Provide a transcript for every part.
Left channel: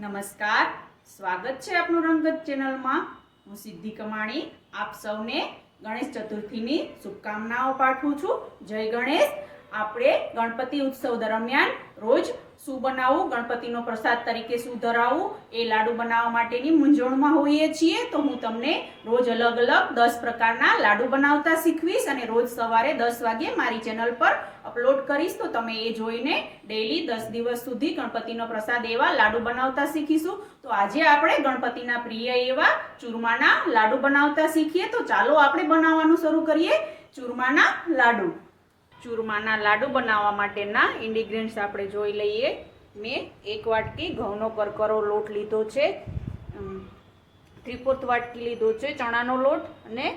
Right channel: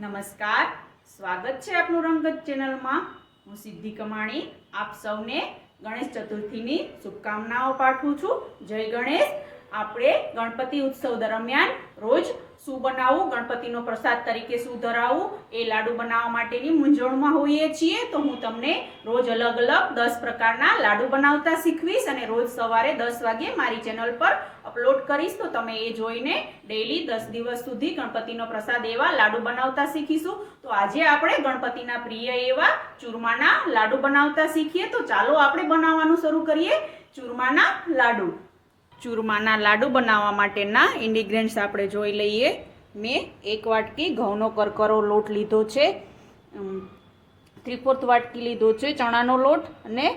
નમસ્કાર, સ્વાગત છે આપનું રંગત ચેનલમાં। હું સિદ્ધિ કમાણી આપ સૌને ગણેશ ચતુર્થીની શુભકામનાઓ પાઠવું છું। જય ગણેશ। આપણે ગણપતિ ઉત્સવ દરમિયાન રોજ શું બનાવવું, ગણપતિનો પ્રસાદ તરીકે શું ધરાવવું એ લાડુ બનાવવા માટેની મૂંઝવણમાં હોઈએ છીએ। તો હું તમને રોજ અલગ અલગ 10 પ્રકારના લાડુ બનાવતા શીખવીશ અને રોજ સવારે 10 વાગ્યે મારી ચેનલ પર અપલોડ કરીશ। તો તમે એ જોઈને ડેઈલી 10 દિવસ સુધી ગણપતિનો પ્રસાદ એવા લાડુ બનાવતા શીખીશું। તો આજે આપણે ગણપતિના પ્રિય એવા ચૂરમાના લાડુ બનાવતા શીખીએ। તો ચાલો આપણે બનાવવાનું શરૂ કરીએ। ચૂરમાના લાડુ। ચૂરમાના લાડુ બનાવવા માટેના ઇન્ગ્રેડિયન્ટ્સ આપણે જોઈ લઈએ। મેં 1 વાટકી ઘઉંનો કરકરો લોટ લીધો છે, 3/4 વાટકી લીધો છે ચણાનો લોટ અને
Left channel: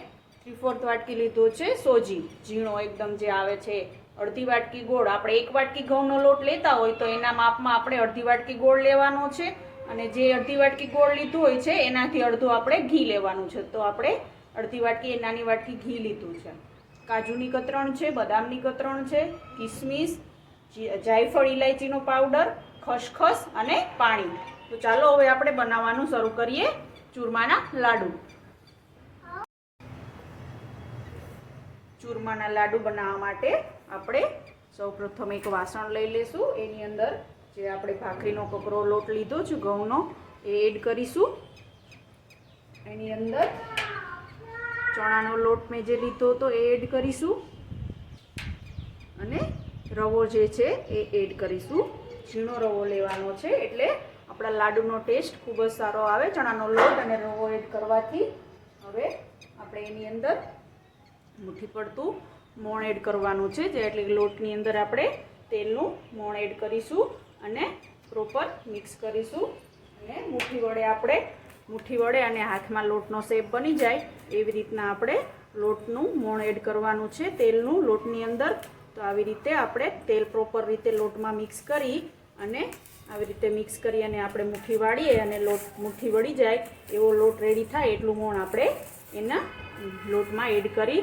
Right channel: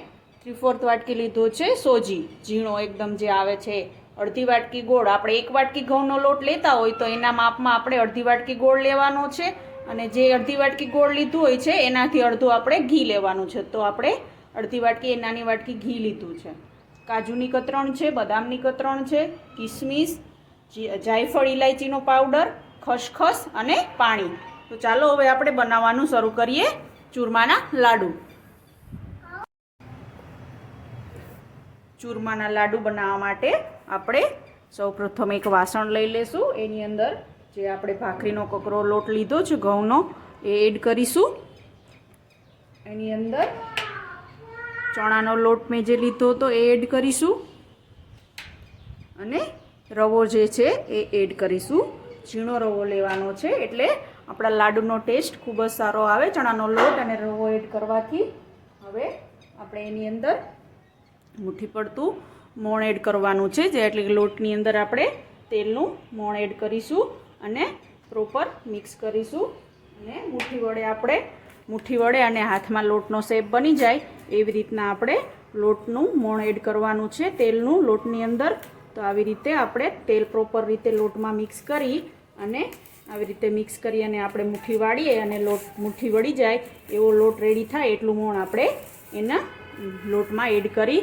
3/4 વાટકી લીધો છે સોજી, ઝીણો એકદમ જે આવે છે। અડધી વાટકી ગોળ। આપણે 1 વાટકી ઘઉંનો લોટ લેતા હોય તો એના માપમાં આપણે અડધી વાટકી ગોળ લેવાનો છે અને જે અડધી વાટકી ગોળ લીધું હોય છે એનાથી અડધું આપણે ઘી લેવાનું છે। તો આપણે અડધી વાટકી નાની વાટકી ઘી લીધું છે। કાજુની કતરણ છે, બદામની કતરણ છે, કિસમિસ, જાયફળ ઇલાયચીનો પાવડર, ખસખસ અને પાણી। તો ચાલો હવે આપણે બનાવવાનું શરૂ કરીએ ચૂરમાના લાડુ। ચૂરમાના લાડુ બનાવવા માટે આપણે સૌપ્રથમ એક વાસણ લઈ લેશું। એની અંદર જે આપણે ભાખરીનો કકરો લોટ લીધો છે ઘઉંનો એ એડ કરીશું। એની અંદર ચણાનો લોટ મેં જે લીધો હતો એ એડ કરીશું અને રવો જે છે એ એડ કરીશું। ઝીણો રવો લેવાનો છે એટલે આપણા લાડુનો ટેસ્ટ ખૂબ જ સારો આવે ચણાનો લોટ અને રવો એડ કરવાથી। હવે આપણે એની અંદર મુઠ્ઠી પડતું મોણ એડ કરવાનું છે, જે એટલે લોટની અંદર આપણે તેલનું મોણ એડ કરીશું અને પ્રોપર મિક્સ કરીશું અને મુઠ્ઠી વડે અને હાથમાં લોટનો શેપ બની જાય એવી રીતના આપણે લોટનું મોણ એડ કરવાનું છે તેલનું લોટની અંદર। તો આવી રીતે આપણે તેલ પ્રોપર રીતે લોટમાં મિક્સ કરી અને આવી રીતે મિક્સ કરી અને આપણે મુઠ્ઠી વાળીએ અને મુઠ્ઠી વળી જાય એવો લોટ રેડી થાય એટલું મોણ આપણે એના લોટમાં એડ કરી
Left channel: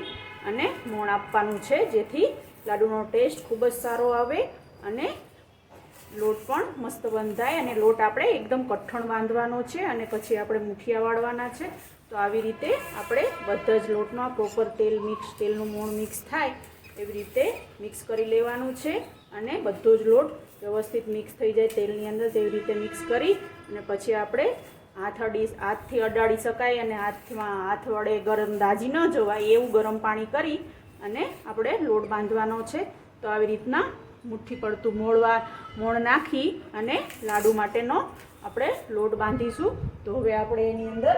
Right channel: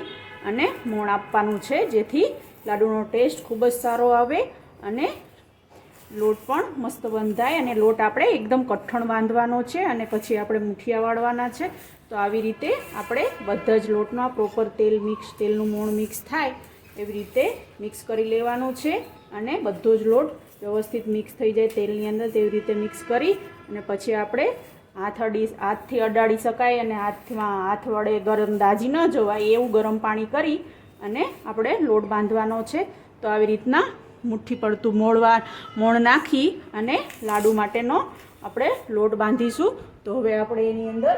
અને મોણ આપવાનું છે, જેથી લાડુનો ટેસ્ટ ખૂબ જ સારો આવે અને લોટ પણ મસ્ત બંધાય। અને લોટ આપણે એકદમ કઠણ બાંધવાનો છે અને પછી આપણે મુઠિયા વાળવાના છે। તો આવી રીતે આપણે બધા જ લોટમાં પ્રોપર તેલનું મોણ મિક્સ થાય એવી રીતે મિક્સ કરી લેવાનું છે અને બધો જ લોટ વ્યવસ્થિત મિક્સ થઈ જાય તેલની અંદર તેવી રીતે મિક્સ કરી અને પછી આપણે હાથથી અડાડી શકાય અને હાથ વડે ગરમ દાજી ન જવાય એવું ગરમ પાણી કરી અને આપણે લોટ બાંધવાનો છે। તો આવી રીતના મુઠ્ઠી પડતું મોણ નાખી અને લાડુ માટેનો આપણે લોટ બાંધીશું। તો હવે આપણે એની અંદર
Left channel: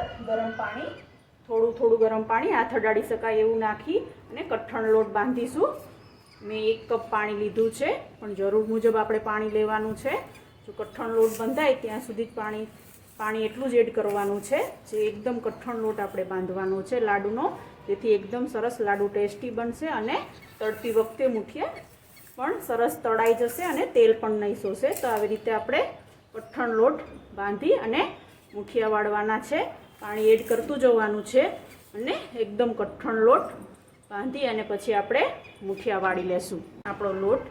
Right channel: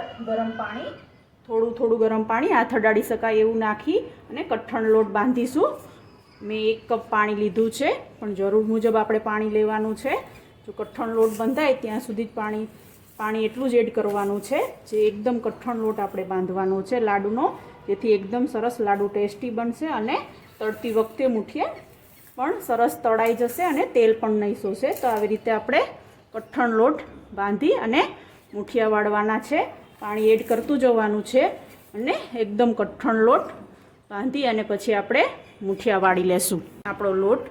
થોડું ગરમ પાણી હાથ અડાડી શકાય એવું નાખી અને કઠણ લોટ બાંધીશું। મેં 1 કપ પાણી લીધું છે, પણ જરૂર મુજબ આપણે પાણી લેવાનું છે। જો કઠણ લોટ બંધાય ત્યાં સુધી જ પાણી એટલું જ એડ કરવાનું છે, જે એકદમ કઠણ લોટ આપણે બાંધવાનો છે લાડુનો, જેથી એકદમ સરસ લાડુ ટેસ્ટી બનશે અને તળતી વખતે મુઠિયા પણ સરસ તળાઈ જશે અને તેલ પણ નહીં શોષે। તો આવી રીતે આપણે કઠણ લોટ બાંધી અને મુઠિયા વાળવાના છે, પાણી એડ કરતું જવાનું છે અને એકદમ કઠણ લોટ બાંધી અને પછી આપણે મુઠિયા વાળી લેશું। આપણો લોટ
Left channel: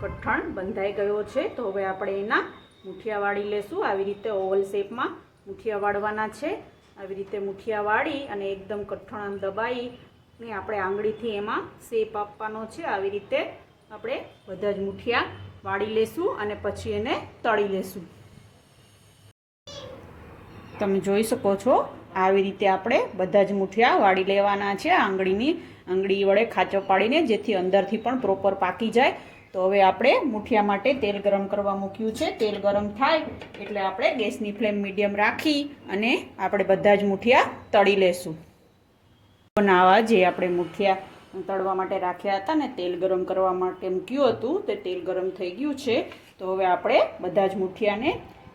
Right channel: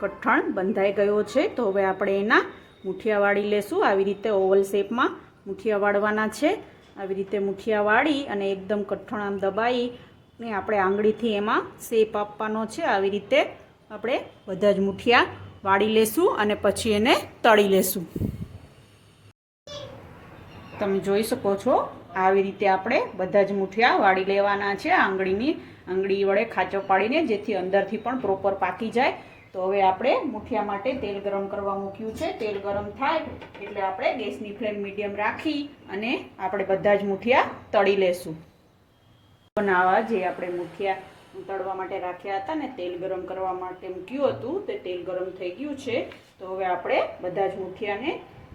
કઠણ બંધાઈ ગયો છે, તો હવે આપણે એના મુઠિયા વાળી લેશું। આવી રીતે ઓવલ શેપમાં મુઠિયા વાળવાના છે। આવી રીતે મુઠિયા વાળી અને એકદમ કઠણ આમ દબાઈ ને આપણે આંગળીથી એમાં શેપ આપવાનો છે। આવી રીતે આપણે બધા જ મુઠિયા વાળી લેશું અને પછી એને તળી લેશું। તમે જોઈ શકો છો આવી રીતે આપણે બધા જ મુઠિયા વાળી લેવાના છે આંગળી વડે ખાંચો પાડીને, જેથી અંદરથી પણ પ્રોપર પાકી જાય। તો હવે આપણે મુઠિયા માટે તેલ ગરમ કરવા મૂક્યું છે। તેલ ગરમ થાય એટલે આપણે ગેસની ફ્લેમ મીડિયમ રાખી અને આપણે બધા જ મુઠિયા તળી લેશું। બનાવવા જે આપણે મુઠિયા તળવા માટે રાખ્યા હતા ને તેલ ગરમ કરવા માટે મૂક્યું હતું તે તેલ ગરમ થઈ ગયું છે। તો હવે આપણે બધા જ મુઠિયાને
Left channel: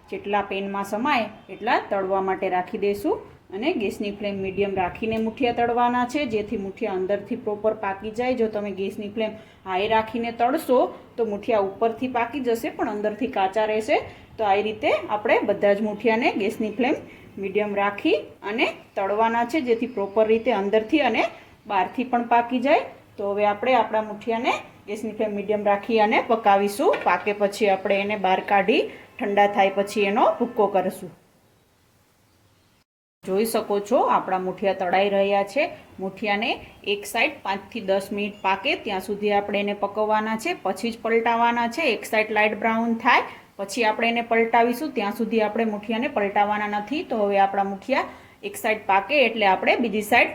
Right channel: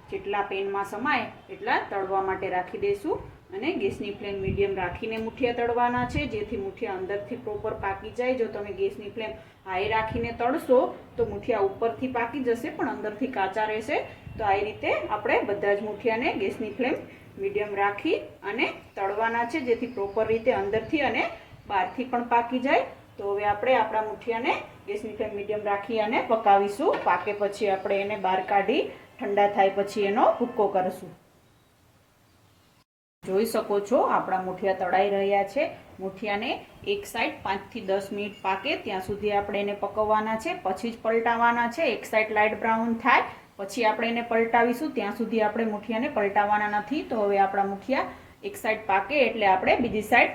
જેટલા પેનમાં સમાય એટલા તળવા માટે રાખી દઈશું અને ગેસની ફ્લેમ મીડિયમ રાખીને મુઠિયા તળવાના છે, જેથી મુઠિયા અંદરથી પ્રોપર પાકી જાય। જો તમે ગેસની ફ્લેમ હાઈ રાખીને તળશો તો મુઠિયા ઉપરથી પાકી જશે પણ અંદરથી કાચા રહેશે। તો આ રીતે આપણે બધા જ મુઠિયાને ગેસની ફ્લેમ મીડિયમ રાખી અને તળવાના છે, જેથી પ્રોપર રીતે અંદરથી અને બહારથી પણ પાકી જાય। તો હવે આપણે આપણા મુઠિયાને ગેસની ફ્લેમ મીડિયમ રાખી અને પકાવીશું। પાકે પછી આપણે એને બહાર કાઢી ઠંડા થાય પછી એનો ભૂક્કો કરશું. જોઈ શકો છો આપણા મુઠિયા તળાઈ રહ્યા છે. મુઠિયાને એક સાઈડ 5 થી 10 મિનિટ પાકે ત્યાં સુધી આપણે એને પકવવાના છે, પછી જ પલટાવવાના છે. એક સાઈડ લાઇટ બ્રાઉન થાય પછી આપણે એને પલટાવીશું. ત્યાં સુધી આપણે મુઠિયાને પલટાવવાના નથી. તો હવે આપણા મુઠિયા એક સાઈડ પાકે એટલે આપણે બીજી સાઈડ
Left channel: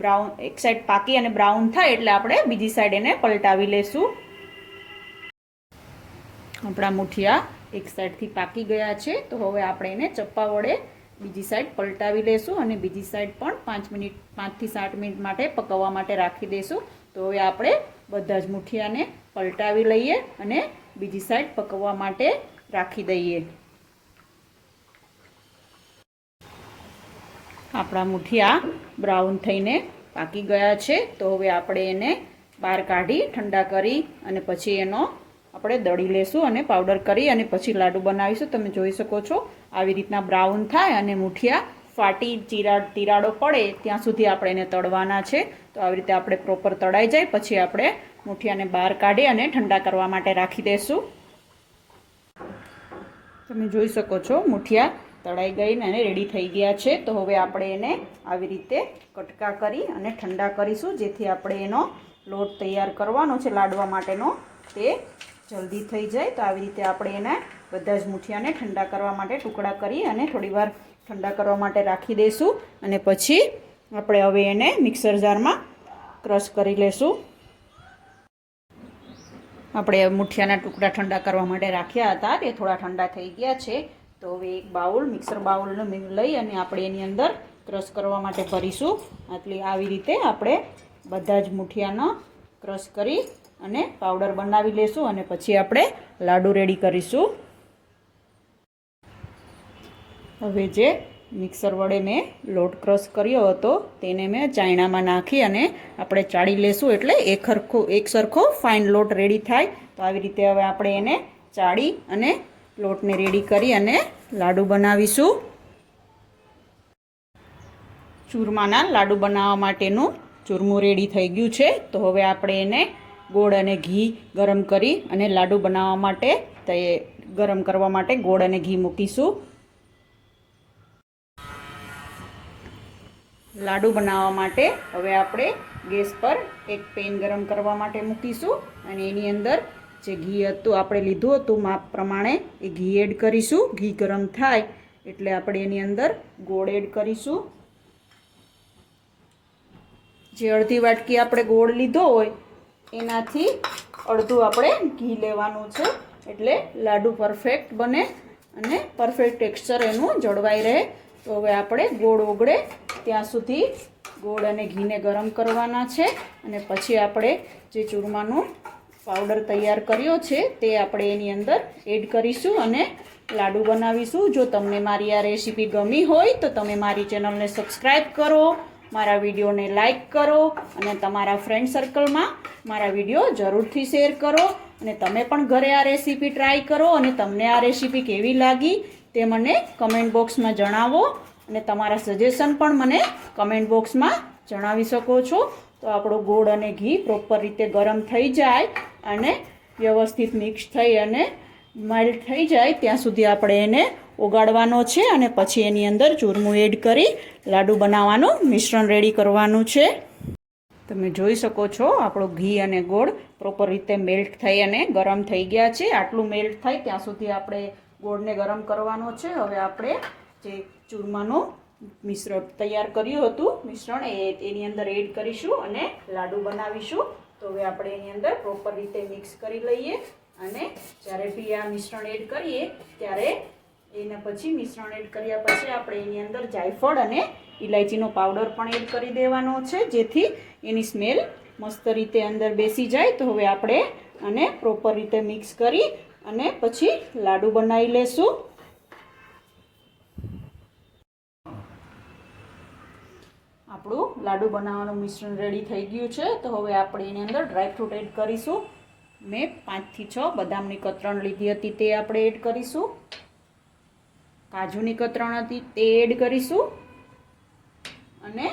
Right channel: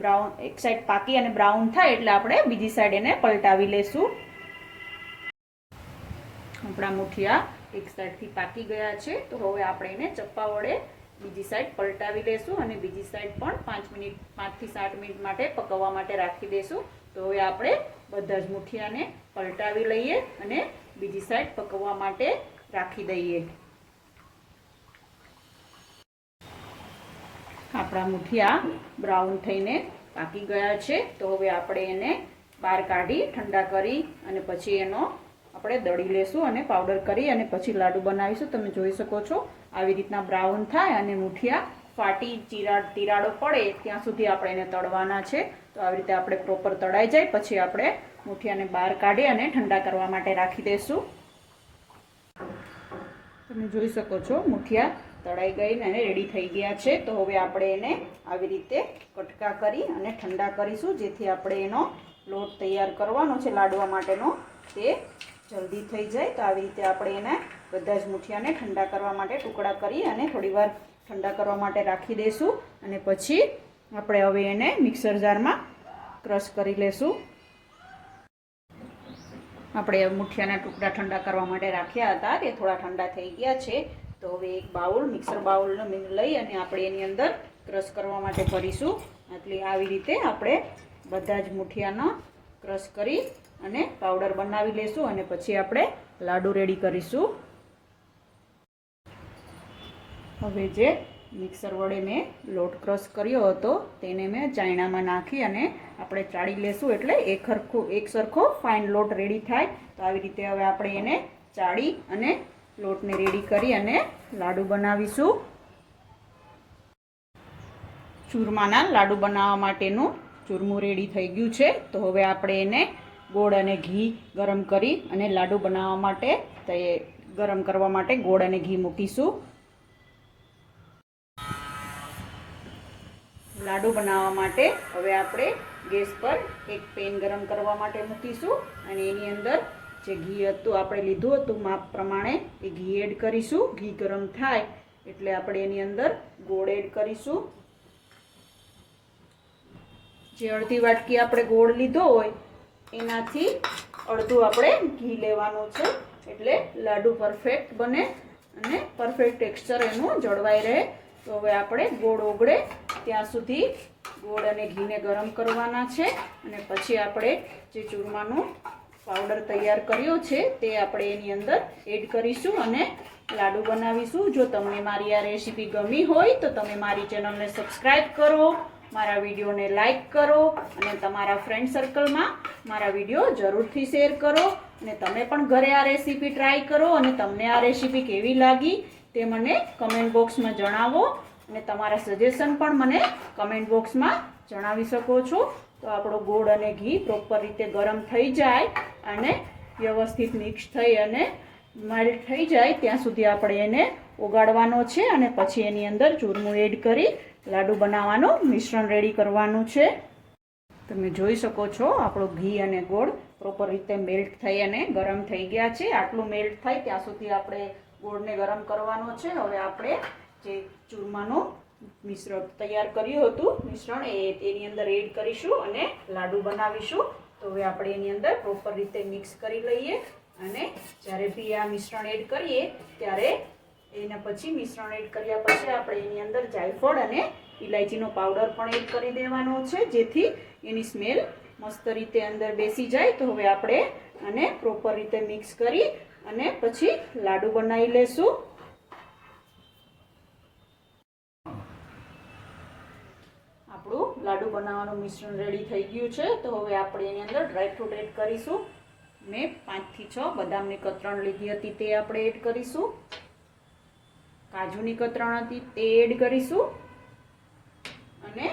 બ્રાઉન, એક સાઈડ પાકી અને બ્રાઉન થાય એટલે આપણે બીજી સાઈડ એને પલટાવી લેશું. આપણા મુઠિયા એક સાઈડથી પાકી ગયા છે. તો હવે આપણે એને ચપ્પા વડે બીજી સાઈડ પલટાવી લેશું અને બીજી સાઈડ પણ 5 થી 7 મિનિટ માટે પકવવા માટે રાખી દેશું. તો હવે આપણે બધા જ મુઠિયાને પલટાવી લઈએ અને બીજી સાઈડ પકવવા માટે રાખી દઈએ. આપણા મુઠિયા બ્રાઉન થઈને પાકી ગયા છે. તો હવે આપણે એને બહાર કાઢી ઠંડા કરી અને પછી એનો આપણે દળી લેશું અને પાવડર કરી અને પછી લાડુ બનાવીશું. તમે જોઈ શકો છો આવી રીતના બ્રાઉન થાય અને મુઠિયા ફાટી તિરાડો પડે ત્યાં સુધી આપણે એને તળવાના છે. તો આવી રીતે આપણે પ્રોપર તળાઈ જાય પછી આપણે મુઠિયાને બહાર કાઢી અને ઠંડા કરવા માટે રાખી દઈશું. તમે જોઈ શકો છો મુઠિયા તળાઈ ગઈને અને રેડી થઈ ગયા છે. તો હવે આપણે એને આવી રીતે કટકા કરી અને ઠંડા કરીશું જેથી આપણે એનો લોટ તૈયાર કરવાનો છે લાડવા માટેનો તે જલ્દી થઈ જાય. તો આવી રીતે આપણે એને બધા જ મુઠિયાને ઠંડા કરવા માટે ટુકડા કરી અને થોડીવાર ઠંડા કરવા માટે રાખી દઈશું અને પછી આપણે હવે એને મિક્સર જારમાં ક્રશ કરી લેશું. આપણે મુઠિયાના ટુકડા ઠંડા કરવા માટે રાખ્યા હતા તે થોડા ઠંડા થઈ ગયા છે. તો હવે એક બાઉલ, મિક્સર બાઉલનો લઈ અને આપણે એની અંદર ક્રશ કરવા માટે ભરીશું. એટલે આવી રીતે આપણે બધા જ મુઠિયાનો ક્રશ કરી અને પાવડર બનાવી લેશું અને પછી આપણે લાડુ રેડી કરીશું. હવે જે મિક્સર વડે મેં લોટ ક્રશ કર્યો હતો તેને મેં ચાયણામાં નાખી અને આપણે ચાળી લેશું એટલે એક સરખો ફાઇન લોટ રેડી થાય. તો આવી રીતે હવે આપણે એને ચાળી અને લોટને રેડી કરી અને લાડુ બનાવીશું. ચૂરમાના લાડુ બનાવવા માટેનું ચૂરમું રેડી થઈ ગયું છે. તો હવે આપણે એને ગોળ અને ઘી ગરમ કરી અને લાડુ બનાવવા માટે ગરમ કરવા માટે ગોળ અને ઘી મૂકીશું. લાડુ બનાવવા માટે હવે આપણે ગેસ પર એક પેન ગરમ કરવા માટે મૂકીશું અને એની અંદર જે ઘી હતું આપણે લીધું હતું માપ પ્રમાણે એ ઘી એડ કરીશું. ઘી ગરમ થાય એટલે આપણે એની અંદર ગોળ એડ કરીશું. જે અડધી વાટકી આપણે ગોળ લીધો હોય એનાથી અડધું આપણે ઘી લેવાનું છે એટલે લાડુ પરફેક્ટ બને અને પરફેક્ટ ટેક્સચર એનું જળવાઈ રહે. તો હવે આપણે ગોળ ઓગળે ત્યાં સુધી ગોળ અને ઘીને ગરમ કરવાના છે અને પછી આપણે જે ચૂરમાનું પાવડર તૈયાર કર્યો છે તે આપણે એની અંદર એડ કરીશું અને લાડુ બનાવીશું. જો તમને મારી આ રેસીપી ગમી હોય તો તમે મારી ચેનલને સબસ્ક્રાઈબ કરો, મારા વિડીયોને લાઈક કરો અને તમારા ફ્રેન્ડ સર્કલમાં મારા વિડીયો જરૂરથી શેર કરો અને તમે પણ ઘરે આ રેસીપી ટ્રાય કરો અને તમને આ રેસીપી કેવી લાગી તે મને કમેન્ટ બોક્સમાં જણાવો અને તમારા સજેશન પણ મને કમેન્ટ બોક્સમાં જણાવી શકો છો. તો આપણો ગોળ અને ઘી પ્રોપર રીતે ગરમ થઈ જાય અને વ્યવસ્થિત મિક્સ થઈ અને મેલ્ટ થઈ જાય ત્યાં સુધી આપણે એને ઓગાળવાનો છે અને પછી એની અંદર ચૂરમું એડ કરી લાડુ બનાવવાનું મિશ્રણ રેડી કરવાનું છે. તમે જોઈ શકો છો આપણો ઘી અને ગોળ પ્રોપર રીતે મેલ્ટ થઈ અને ગરમ થઈ ગયા છે. આટલું મેલ્ટ થાય ત્યાં સુધી આપણે ગોળને ગરમ કરવાનો છે. હવે આપણે જે ચૂરમાનું મિશ્રણ તૈયાર કર્યું હતું મિશ્રણ એની અંદર એડ કરીશું અને લાડુ બનાવીશું. તો હવે આપણે એની અંદર પ્રોપર રીતે મિક્સ કરી લઈએ અને જ્યારે બી આ મિશ્રણ એડ કરીએ ત્યારે એના પછી મિશ્રણ એડ કર્યા પછી આપણે એની અંદર જાયફળ અને ઇલાયચીનો પાવડર પણ એડ કરી દેવાનો છે જેથી એની સ્મેલ મસ્ત રીતે અંદર બેસી જાય. તો હવે આપણે આને પ્રોપર રીતે મિક્સ કરી અને પછી લાડુ બનાવી લેશું. આપણું લાડુ બનાવવાનું મિશ્રણ રેડી થઈ ગયું છે. તો હવે આપણે એની અંદર ડ્રાયફ્રૂટ એડ કરીશું. મેં 5 થી 6 બદામની કતરણ લીધી હતી તે આપણે એડ કરીશું. કાજુની કતરણ હતી તે એડ કરીશું અને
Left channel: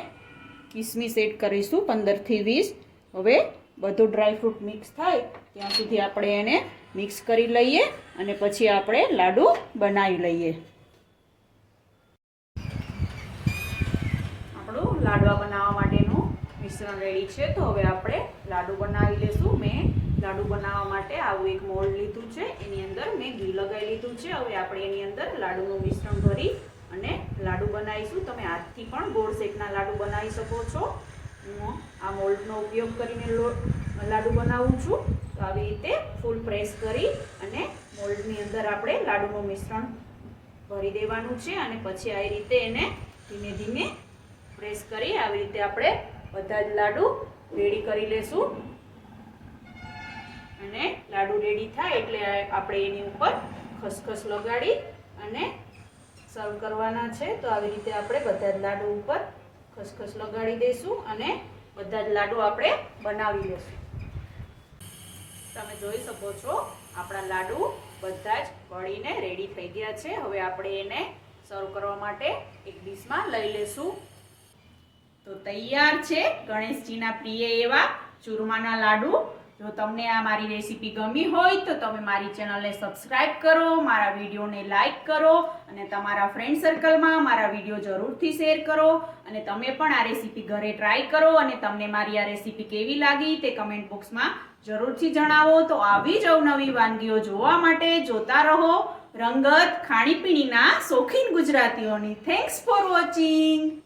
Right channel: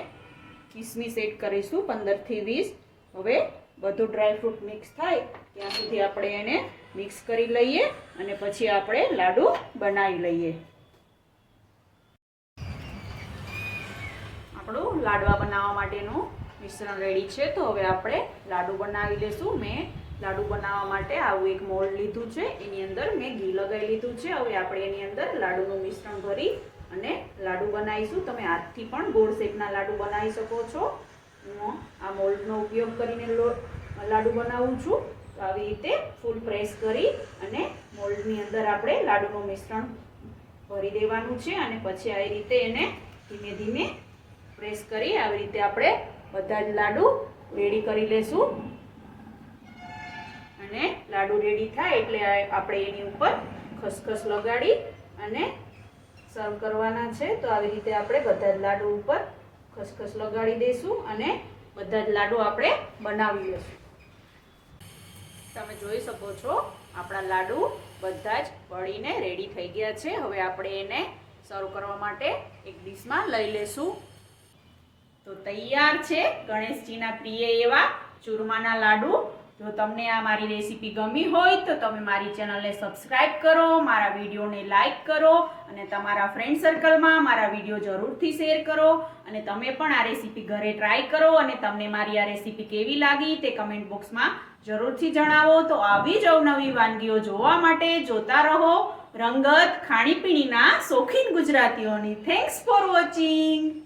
કિસમિસ એડ કરીશું 15 થી 20. હવે બધું ડ્રાયફ્રૂટ મિક્સ થાય ત્યાં સુધી આપણે એને મિક્સ કરી લઈએ અને પછી આપણે લાડુ બનાવી લઈએ. આપણું લાડવા બનાવવા માટેનું મિશ્રણ રેડી છે. તો હવે આપણે લાડુ બનાવી લઈશું. મેં લાડુ બનાવવા માટે આવું એક મોલ્ડ લીધું છે. એની અંદર મેં ઘી લગાવી લીધું છે. હવે આપણે એની અંદર લાડુનું મિશ્રણ ભરી અને લાડુ બનાવીશું. તમે હાથથી પણ ગોળ શેપના લાડુ બનાવી શકો છો. હું આ મોલ્ડનો ઉપયોગ કરીને લાડુ બનાવું છું. તો આવી રીતે ફૂલ પ્રેસ કરી અને મોલ્ડની અંદર આપણે લાડુનું મિશ્રણ ભરી દેવાનું છે અને પછી આવી રીતે એને ધીમે ધીમે પ્રેસ કરી આવી રીતે આપણે બધા જ લાડુ રેડી કરી લેશું. અને લાડુ રેડી થાય એટલે આપણે એની ઉપર ખસખસ લગાડી અને સર્વ કરવાના છે. તો આવી રીતે આપણે બધા જ લાડુ ઉપર ખસખસ લગાડી દઈશું અને બધા જ લાડુ આપણે બનાવી લઈશું. તમે જોઈ શકો છો આપણા લાડુ બધા જ બળીને રેડી થઈ ગયા છે. હવે આપણે એને સર્વ કરવા માટે એક ડીશમાં લઈ લેશું. તો તૈયાર છે ગણેશજીના પ્રિય એવા ચૂરમાના લાડુ. જો તમને આ મારી રેસીપી ગમી હોય તો તમે મારી ચેનલને સબસ્ક્રાઇબ કરો, મારા વિડીયોને લાઇક કરો અને તમારા ફ્રેન્ડ સર્કલમાં મારા વિડીયો જરૂરથી શેર કરો. અને તમે પણ આ રેસીપી ઘરે ટ્રાય કરો અને તમને મારી આ રેસીપી કેવી લાગી તે કમેન્ટ બોક્સમાં જરૂરથી જણાવો. તો આવી જ અવનવી વાનગીઓ જોવા માટે જોતા રહો રંગત ખાણીપીણીના શોખીન ગુજરાતીઓની. Thanks for watching.